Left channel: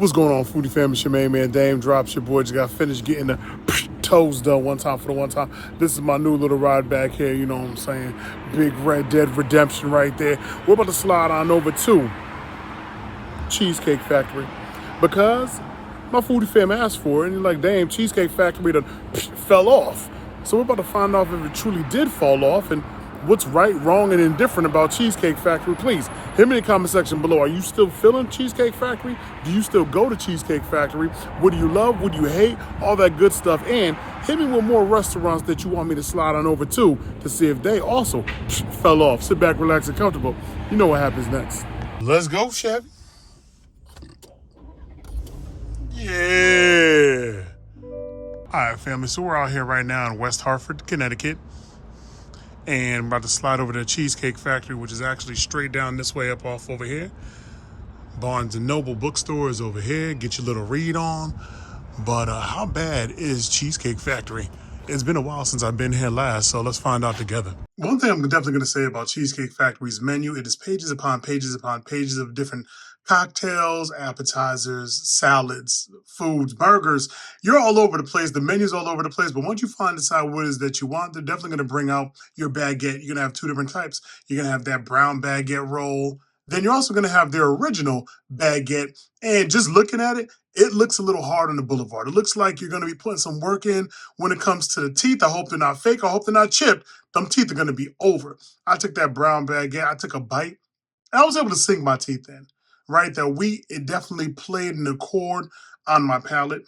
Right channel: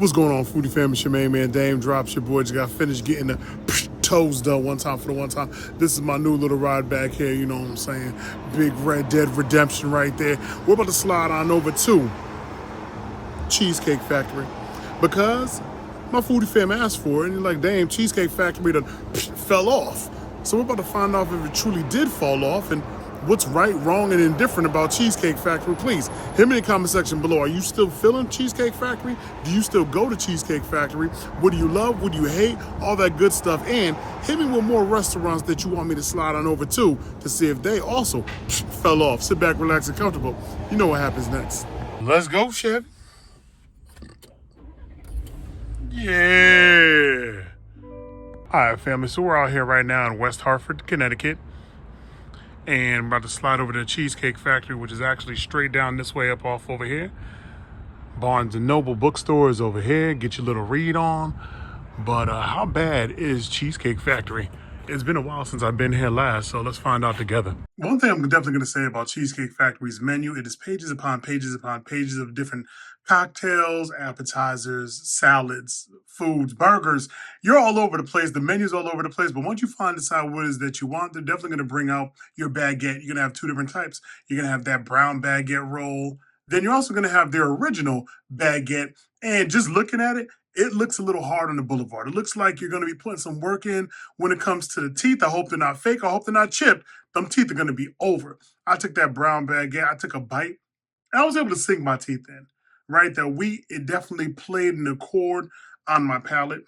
What's going on, Foodie Family? It's your main man, Dame Drops. Your boy just got finished getting the toes done one time for the one time. This is my new little ride back here, you know what I'm saying? Big Red Dead Redemption right there. We're about to slide on over to Cheesecake Factory because my Foodie Fam asked for it, and you're like, damn, Cheesecake Factory done fell off. So we're about to find out if it truly did fall off and what's right, wrong, and indifferent about Cheesecake Factory. Please, hit me in the comment section below. Are you still feeling Cheesecake Factory? Do you still go to Cheesecake Factory? What do you love? What do you hate? All that good stuff. And hit me with more restaurants that you want me to slide on over to see if they also fell off. Sit back, relax, and comfortable. You know what happens next. Let's go, Chevy. Yeah. All right, family. So we're out here right now in West Hartford, Connecticut. And I'm about to slide over to the Cheesecake Factory, which is actually straight down this way up off over here. Barnes & Noble bookstore is over here. Get your little read on. But how bad is Cheesecake Factory? It's been a while since I've been here last, so let's find out together. One thing I'm definitely going to say about Cheesecake Factory's menu, it is pages upon pages upon pages of different cocktails, appetizers, salads, foods, burgers. You're all over the place. The menu's all over the place. But once you decide what it is that you want, they're definitely going to bring out your baguette. You're going to have two different types. You're going to have that brown baguette roll. Then you're also going to have their original baguette. And just looking at it, it looks a little hard on the boulevard. It looks like you're going to be putting some work in when it comes to the teeth. I hope they're not fake. I hope they're not chipped. Them teeth are going to be over. I took that brown baguette. I took a bite. And I was able to sink my teeth in. Right? That wheat, it definitely played an accord on my palate,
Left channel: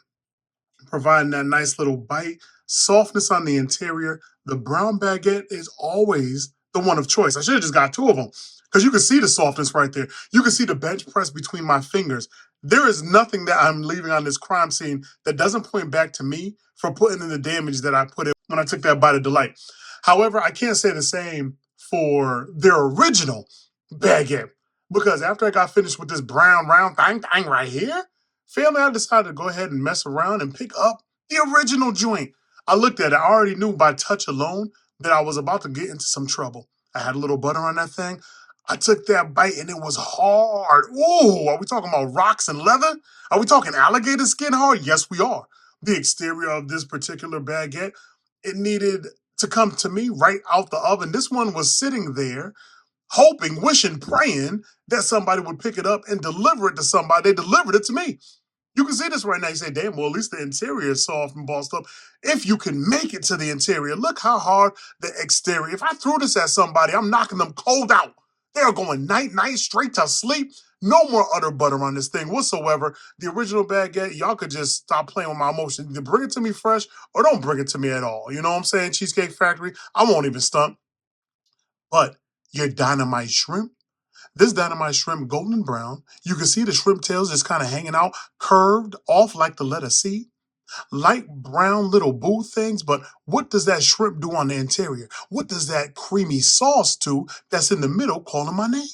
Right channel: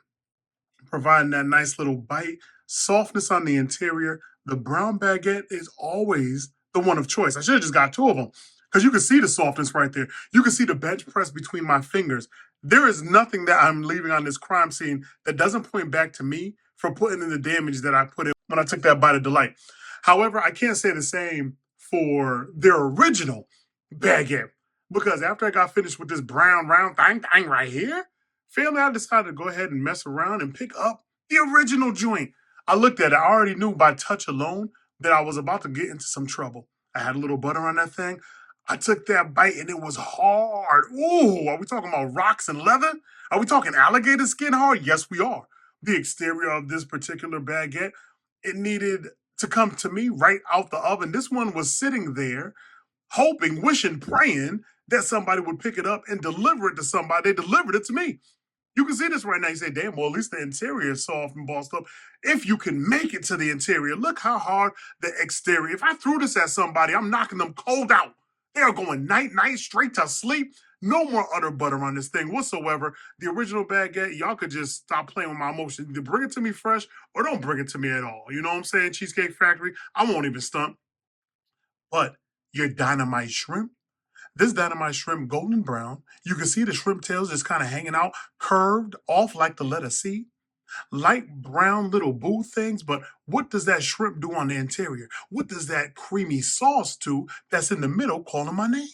providing that nice little bite. Softness on the interior. The brown baguette is always the one of choice. I should have just got two of them because you can see the softness right there. You can see the bench press between my fingers. There is nothing that I'm leaving on this crime scene that doesn't point back to me for putting in the damage that I put in when I took that bite of delight. However, I can't say the same for their original baguette because after I got finished with this brown round thing right here, family, I decided to go ahead and mess around and pick up the original joint. I looked at it. I already knew by touch alone that I was about to get into some trouble. I had a little butter on that thing. I took that bite and it was hard. Ooh, are we talking about rocks and leather? Are we talking alligator skin hard? Yes, we are. The exterior of this particular baguette, it needed to come to me right out the oven. This one was sitting there hoping, wishing, praying that somebody would pick it up and deliver it to somebody. They delivered it to me. You can see this right now. You say, damn, well, at least the interior is soft and bossed up. If you can make it to the interior, look how hard the exterior. If I threw this at somebody, I'm knocking them cold out. They are going night-night straight to sleep. No more utter butter on this thing whatsoever. The original baguette, y'all could just stop playing with my emotions. Either bring it to me fresh or don't bring it to me at all. You know what I'm saying? Cheesecake Factory, I won't even stunt. But your Dynamite Shrimp, this Dynamite Shrimp, golden brown. You can see the shrimp tails just kind of hanging out, curved off like the letter C. Light brown little boo things, but what does that shrimp do on the interior? What does that creamy sauce do that's in the middle calling my name?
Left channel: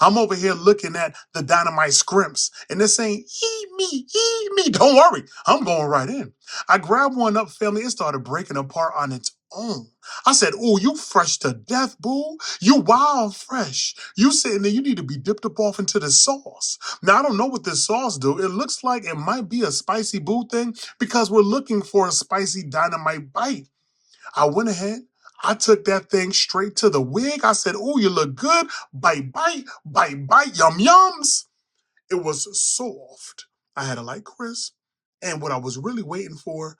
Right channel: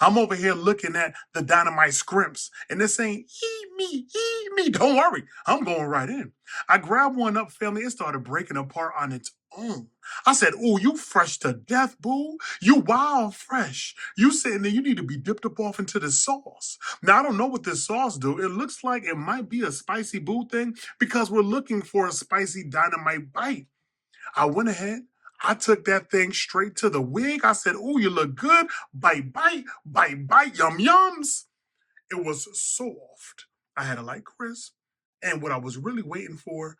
I'm over here looking at the Dynamite Scrimps, and they're saying, eat me, eat me. Don't worry, I'm going right in. I grabbed one up, family. It started breaking apart on its own. I said, oh, you fresh to death, boo. You wild fresh. You sitting there, you need to be dipped up off into the sauce. Now, I don't know what this sauce do. It looks like it might be a spicy boo thing because we're looking for a spicy dynamite bite. I went ahead. I took that thing straight to the wig. I said, oh, you look good. Bite, bite, bite, bite, yum, yums. It was soft. I had a light crisp. And what I was really waiting for,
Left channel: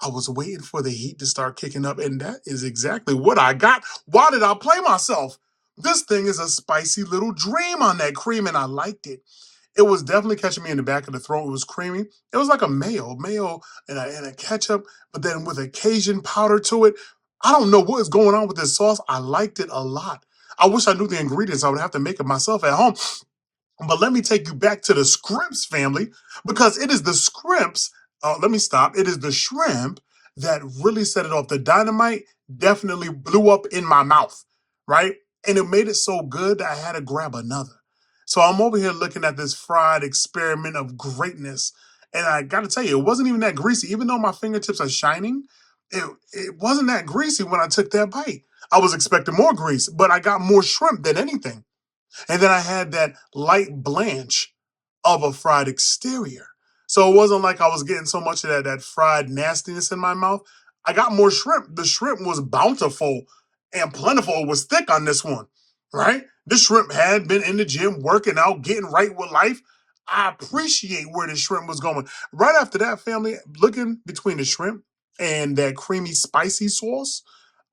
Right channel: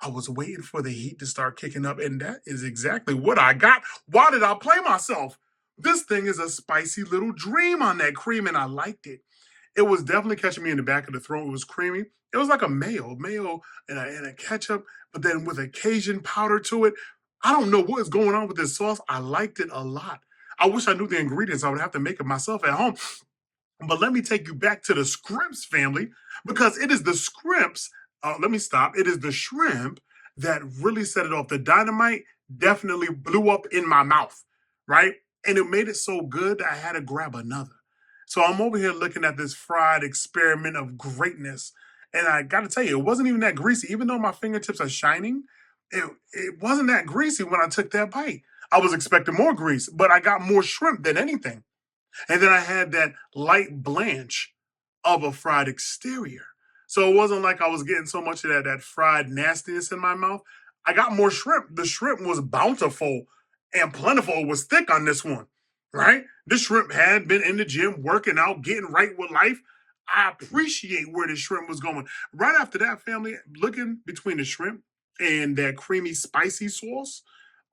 I was waiting for the heat to start kicking up. And that is exactly what I got. Why did I play myself? This thing is a spicy little dream on that cream, and I liked it. It was definitely catching me in the back of the throat. It was creamy. It was like a mayo and a ketchup, but then with a Cajun powder to it. I don't know what is going on with this sauce. I liked it a lot. I wish I knew the ingredients. I would have to make it myself at home. But let me take you back to the Scrimps family because it is the Scrimps. Let me stop. It is the shrimp that really set it off. The dynamite definitely blew up in my mouth, right? And it made it so good that I had to grab another. So I'm over here looking at this fried experiment of greatness. And I got to tell you, it wasn't even that greasy. Even though my fingertips are shining, it wasn't that greasy when I took that bite. I was expecting more grease, but I got more shrimp than anything. And then I had that light blanch of a fried exterior. So it wasn't like I was getting so much of that fried nastiness in my mouth. I got more shrimp. The shrimp was bountiful and plentiful. It was thick on this one, right? This shrimp had been in the gym, working out, getting right with life. I appreciate where the shrimp was going. Right after that, family, looking between the shrimp and that creamy, spicy sauce,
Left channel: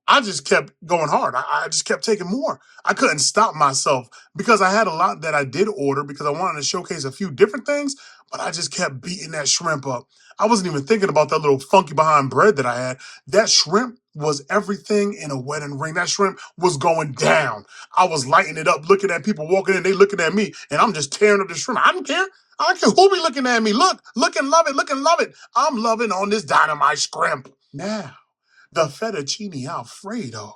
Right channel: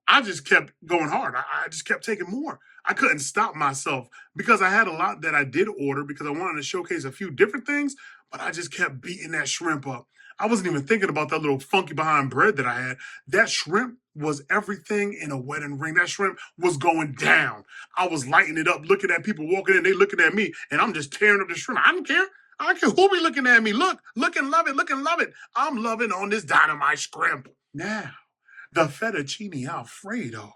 I just kept going hard. I just kept taking more. I couldn't stop myself because I had a lot that I did order because I wanted to showcase a few different things, but I just kept beating that shrimp up. I wasn't even thinking about that little funky behind bread that I had. That shrimp was everything in a wedding ring. That shrimp was going down. I was lighting it up, looking at people walking in, they looking at me, and I'm just tearing up the shrimp. I don't care. I don't care who be looking at me. Look and love it, look and love it. I'm loving on this dynamite shrimp. Now, the fettuccine alfredo.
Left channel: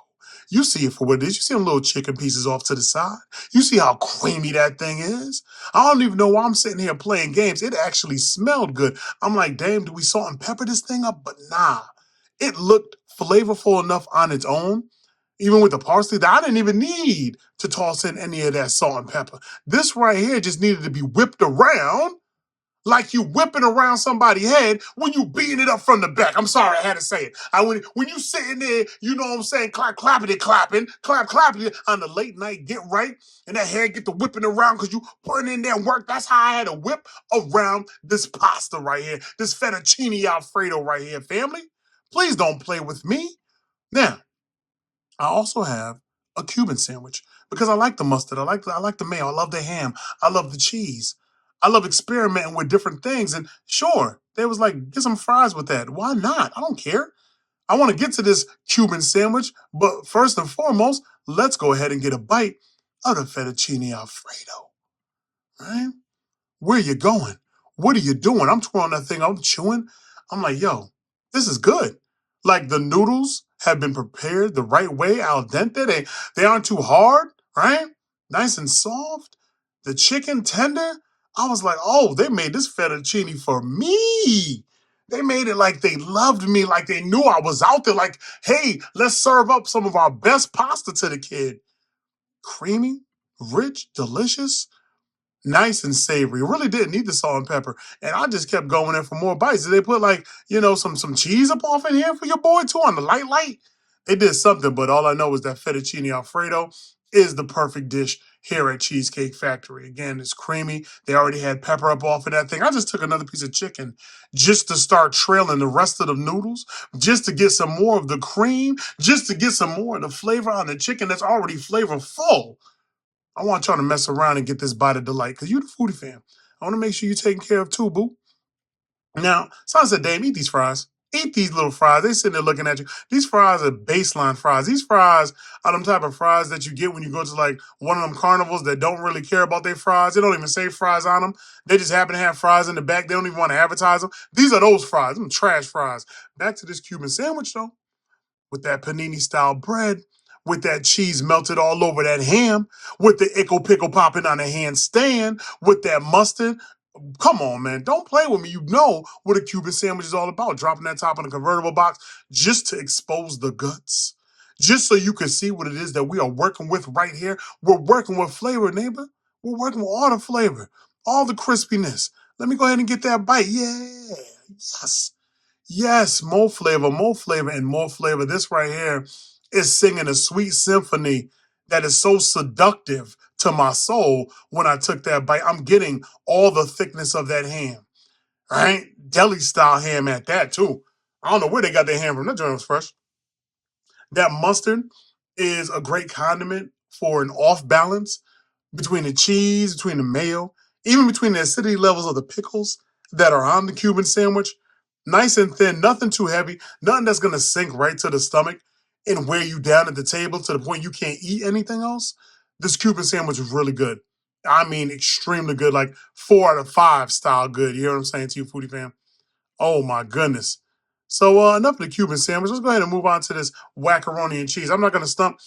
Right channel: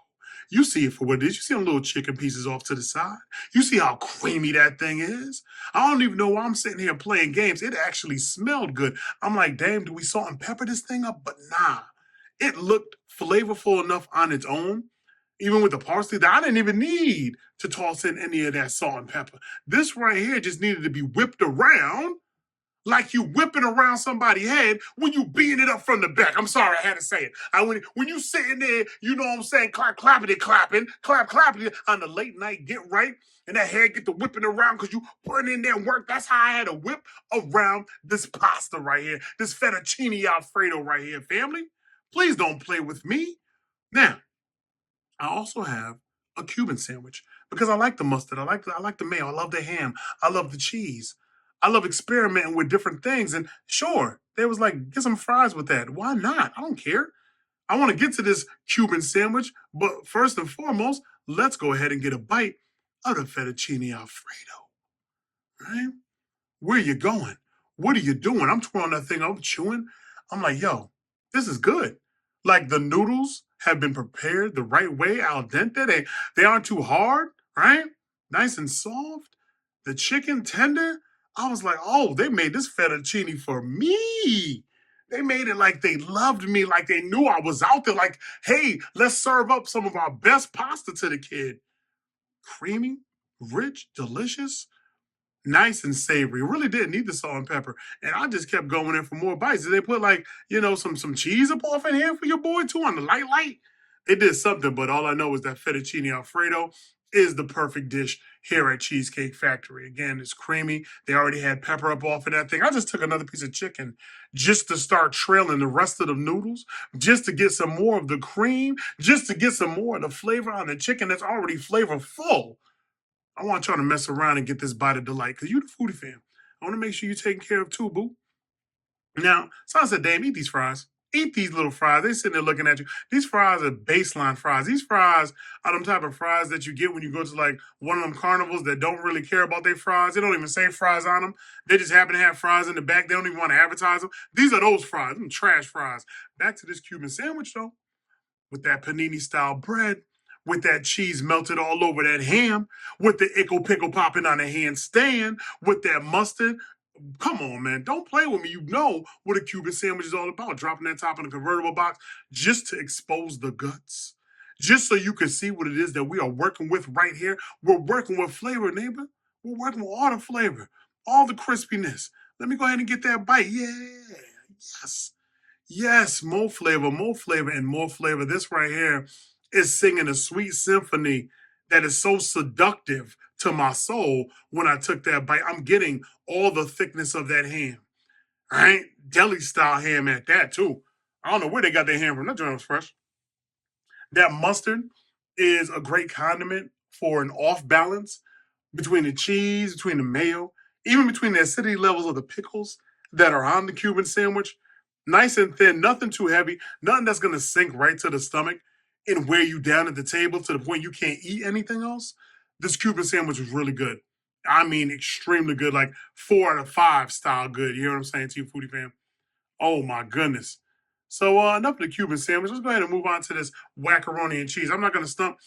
You see it for what it is. You see them little chicken pieces off to the side. You see how creamy that thing is. I don't even know why I'm sitting here playing games. It actually smelled good. I'm like, damn, do we salt and pepper this thing up? But nah, it looked flavorful enough on its own. Even with the parsley, that I didn't even need to toss in any of that salt and pepper. This right here just needed to be whipped around like you whipping around somebody's head when you beating it up from the back. I'm sorry, I had to say it. When you sitting there, you know what I'm saying, clappity clapping, clappity on the late night get right, and that head get to whipping around because you putting in there work. That's how I had to whip around this pasta right here, this fettuccine alfredo right here, family. Please don't play with me. Now, I also have a Cuban sandwich because I like the mustard. I like the mayo. I love the ham. I love the cheese. I love experimenting with different things. And sure, they was like, get some fries with that. Why not? I don't care. I want to get to this Cuban sandwich, but first and foremost, let's go ahead and get a bite of the fettuccine alfredo. Right? Where are you going? What are you doing? I'm twirling that thing. I'm chewing. I'm like, yo, this is good. Like the noodles have been prepared the right way, al dente. They aren't too hard, right? Nice and soft. The chicken tender. I was like, oh, they made this fettuccine for me. They made it like they loved me, like they knew I was out there. Like, hey, let's serve up some of our best pasta to the kid. Creamy, rich, delicious, nice and savory. It really didn't need the salt and pepper. And I just kept going in for more bites. Did they put like, some cheese up off in here for your boy too on the light? It did something, but all I know is that fettuccine alfredo is the perfect dish here at Cheesecake Factory. Again, it's creamy. They already had pepper up off of that thing. I just took another piece of chicken just to start trailing the rest of the noodles, just to get some more of the cream, just to get some more of the flavor on the chicken that's already flavorful. I want y'all to mess around and get this bite of delight because you the foodie fam. I want to make sure you're taken care of too, boo. Now, someone said, Dame, eat these fries. Eat these little fries. They sitting there looking at you. These fries are baseline fries. These fries are them type of fries that you get when you go to like one of them carnivals that don't really care about their fries. They don't even say fries on them. They just happen to have fries in the back. They don't even want to advertise them. These are those fries. Them trash fries. Back to this Cuban sandwich though, with that panini style bread, with that cheese melted all over that ham, with the ickle pickle popping on a handstand, with that mustard. Come on, man. Don't play with me. You know what a Cuban sandwich is all about. Dropping that top in a convertible box just to expose the guts. Just so you can see what it is that we are working with right here. We're working with flavor, neighbor. We're working with all the flavor, all the crispiness. Let me go ahead and get that bite. Yeah. Yes. Yes, more flavor, and more flavor. This right here is singing a sweet symphony that is so seductive to my soul when I took that bite. I'm getting all the thickness of that ham, right? Deli style ham at that, too. I don't know where they got their ham from. That joint was fresh. That mustard is a great condiment for an off balance between the cheese, between the mayo, even between the acidity levels of the pickles that are on the Cuban sandwich. Nice and thin, nothing too heavy, nothing that's going to sink right to the stomach and wear you down at the table to the point you can't eat anything else. This Cuban sandwich is really good. I mean, extremely good, like 4 out of 5 style good. You know what I'm saying to you, foodie fam? Oh my goodness. So enough of the Cuban sandwich. Let's go ahead and move on to this macaroni and cheese. I'm not going to stump.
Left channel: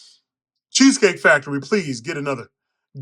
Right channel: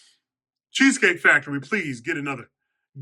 Cheesecake Factory, please get another.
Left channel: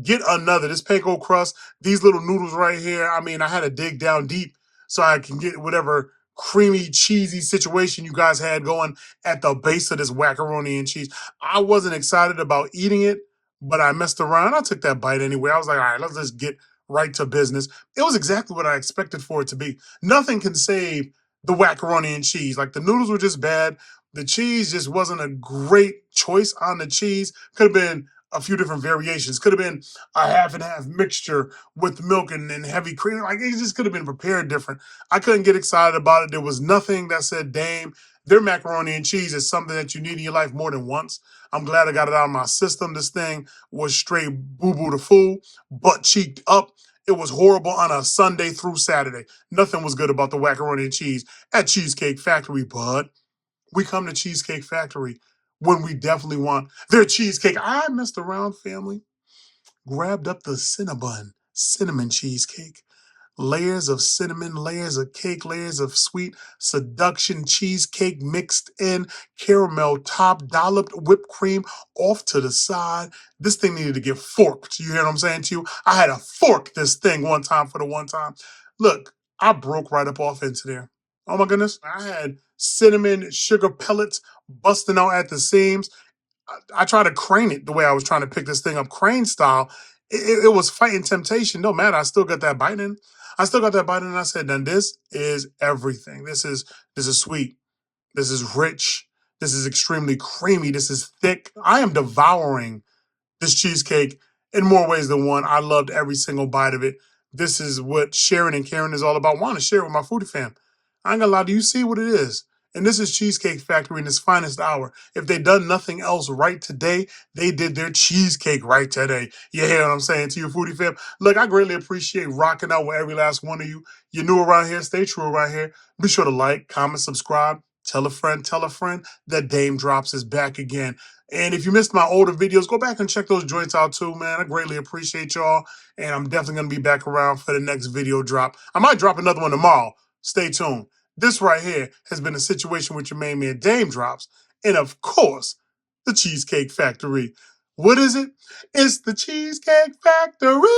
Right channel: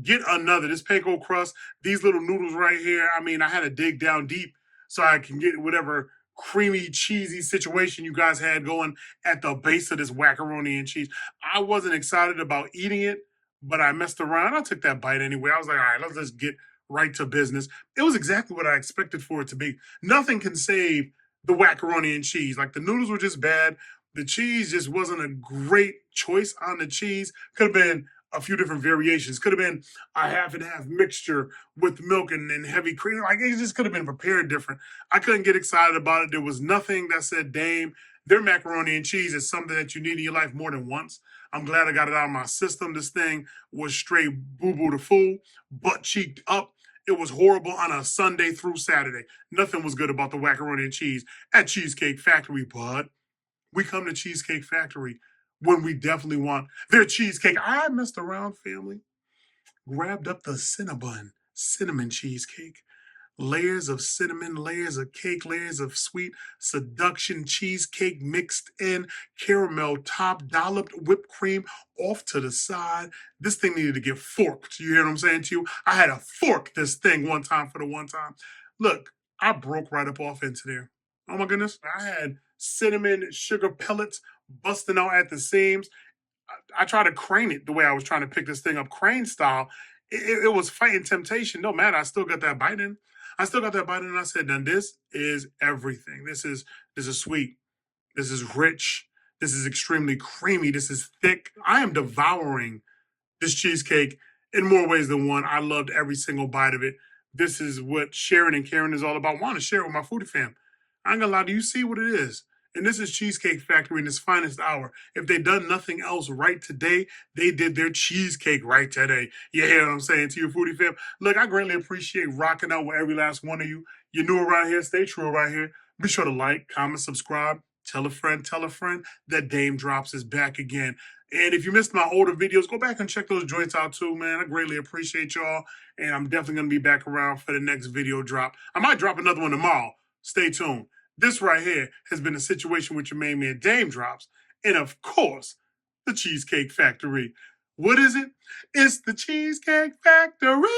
Get another. This panko crust, these little noodles right here. I mean, I had to dig down deep so I can get whatever creamy, cheesy situation you guys had going at the base of this macaroni and cheese. I wasn't excited about eating it, but I messed around. I took that bite anyway. I was like, all right, let's just get right to business. It was exactly what I expected for it to be. Nothing can save the macaroni and cheese. Like the noodles were just bad. The cheese just wasn't a great choice on the cheese. Could have been a few different variations. Could have been a half and half mixture with milk and heavy cream. Like it just could have been prepared different. I couldn't get excited about it. There was nothing that said, Dame, their macaroni and cheese is something that you need in your life more than once. I'm glad I got it out of my system. This thing was straight boo-boo to fool, butt cheeked up. It was horrible on a Sunday through Saturday. Nothing was good about the macaroni and cheese at Cheesecake Factory, but we come to Cheesecake Factory when we definitely want their cheesecake. I messed around, family. Grabbed up the Cinnabon cinnamon cheesecake. Layers of cinnamon, layers of cake, layers of sweet seduction cheesecake mixed in, caramel top, dolloped whipped cream off to the side. This thing needed to get forked. You hear what I'm saying to you? I had to fork this thing one time for the one time. Look, I broke right up off into there. Oh my goodness. I had cinnamon sugar pellets busting out at the seams. I tried to crane it the way I was trying to pick this thing up, crane style. It was fighting temptation. No matter, I still got that bite in. I still got that bite in, and I said, "Then this is everything. This is sweet. This is rich. This is extremely creamy. This is thick. I am devouring this cheesecake in more ways than one. I loved every single bite of it. This is what sharing and caring is all about. I want to share it with my foodie fam. I ain't gonna lie to you, see what it is. And this is Cheesecake Factory in its finest hour. If they done nothing else right today, they did their cheesecake right today. You hear what I'm saying to your foodie fam? Look, I greatly appreciate rocking out with every last one of you. You're new around here, stay true around here. Be sure to like, comment, subscribe, tell a friend that Dame Drops is back again. And if you missed my older videos, go back and check those joints out too, man. I greatly appreciate y'all. And I'm definitely going to be back around for the next video drop. I might drop another one tomorrow. Stay tuned. This right here has been a situation with your main man, Dame Drops. And of course, the Cheesecake Factory. What is it? It's the Cheesecake Factory.